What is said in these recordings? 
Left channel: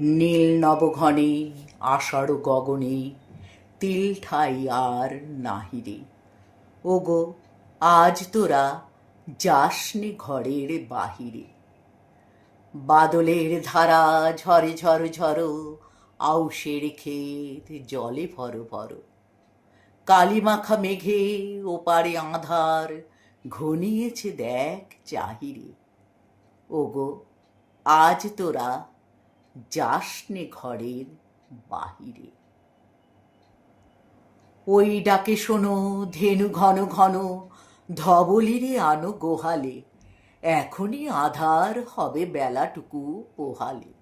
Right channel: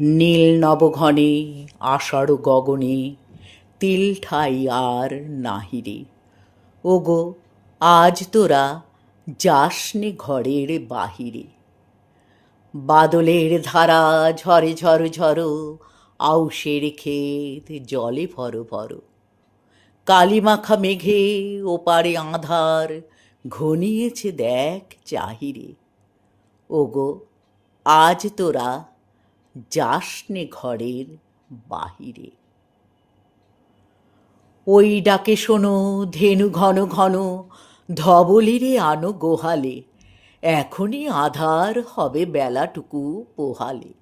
নীল নবঘনে, আষাঢ় গগনে, তিল ঠাই আর নাহিরে। ওগো, আজ তোরা যাসনে ঘরের বাহিরে। বাদলের ধারা ঝরে ঝর ঝরো, আউশের ক্ষেত জলে ভর ভর। কালিমাখা মেঘে ওপারে আধার, ঘনিয়েছে দেখ চাহিরে। ওগো, আজ তোরা যাসনে ঘরের বাহিরে। ওই ডাকে শোনো, ধেনু ঘন ঘন, ধবলিরে আনো গোহালে। এখনই আধার হবে বেলাটুকু পোহালে।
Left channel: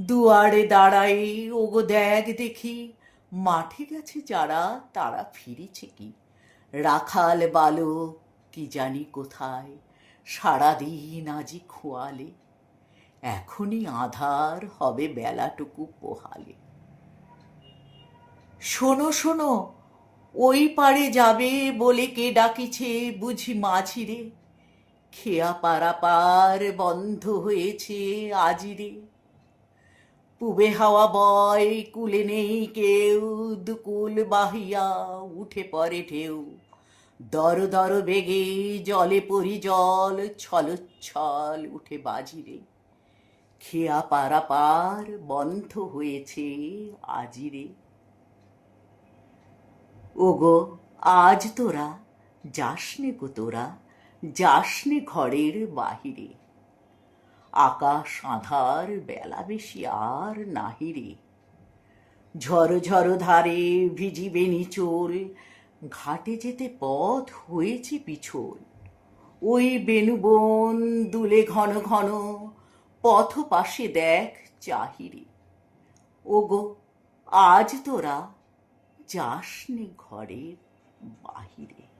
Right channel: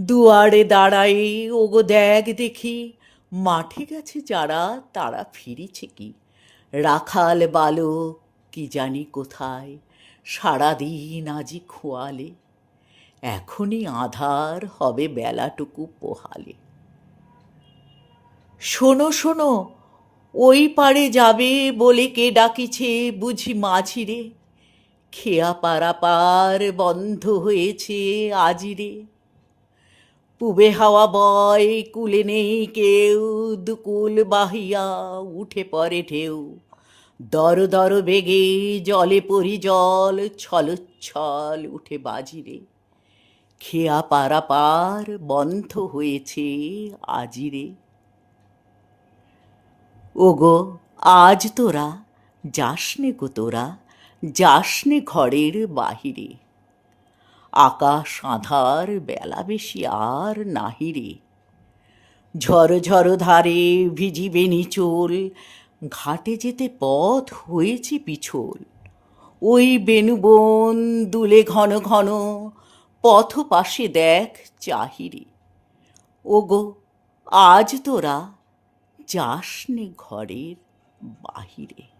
দুয়ারে দাঁড়াই ওগো দেখ দেখি, মাঠে গেছে যারা, তারা ফিরেছে কি? রাখাল বালক কি জানি কোথায়, সারাদিন আজি খোয়ালে। এখনই আধার হবে বেলাটুকু পোহালে। শোনো শোনো, ওই পারে যাবে বলে কে ডাকিছে বুঝি মাঝিরে। খেয়া পারা পার বন্ধ হয়েছে আজিরে। পুবে হাওয়া বয়, কুলে নেই কেউ, দুকুল বাহিয়া উঠে পড়ে ঢেউ। দর দর বেগে জলে পরি জল, ছলচ্ছল উঠে বাজিরে। খেয়া পারা পার বন্ধ হয়েছে আজিরে ওগো, আজ তোরা যাসনে গো তোরা, যাসনে ঘরের বাহিরে। আকাশ আধার বেলা বেশি আর নাহিরে ঝড় ঝড় ধারে ভিজিবে নিচোল, ঘাটে যেতে পথ হয়েছে পিছল। ওই বেনুবন দুলে ঘন ঘন পথ পাশে দেখ চাহিরে। ওগো আজ তোরা যাসনে ঘরের বাহিরে।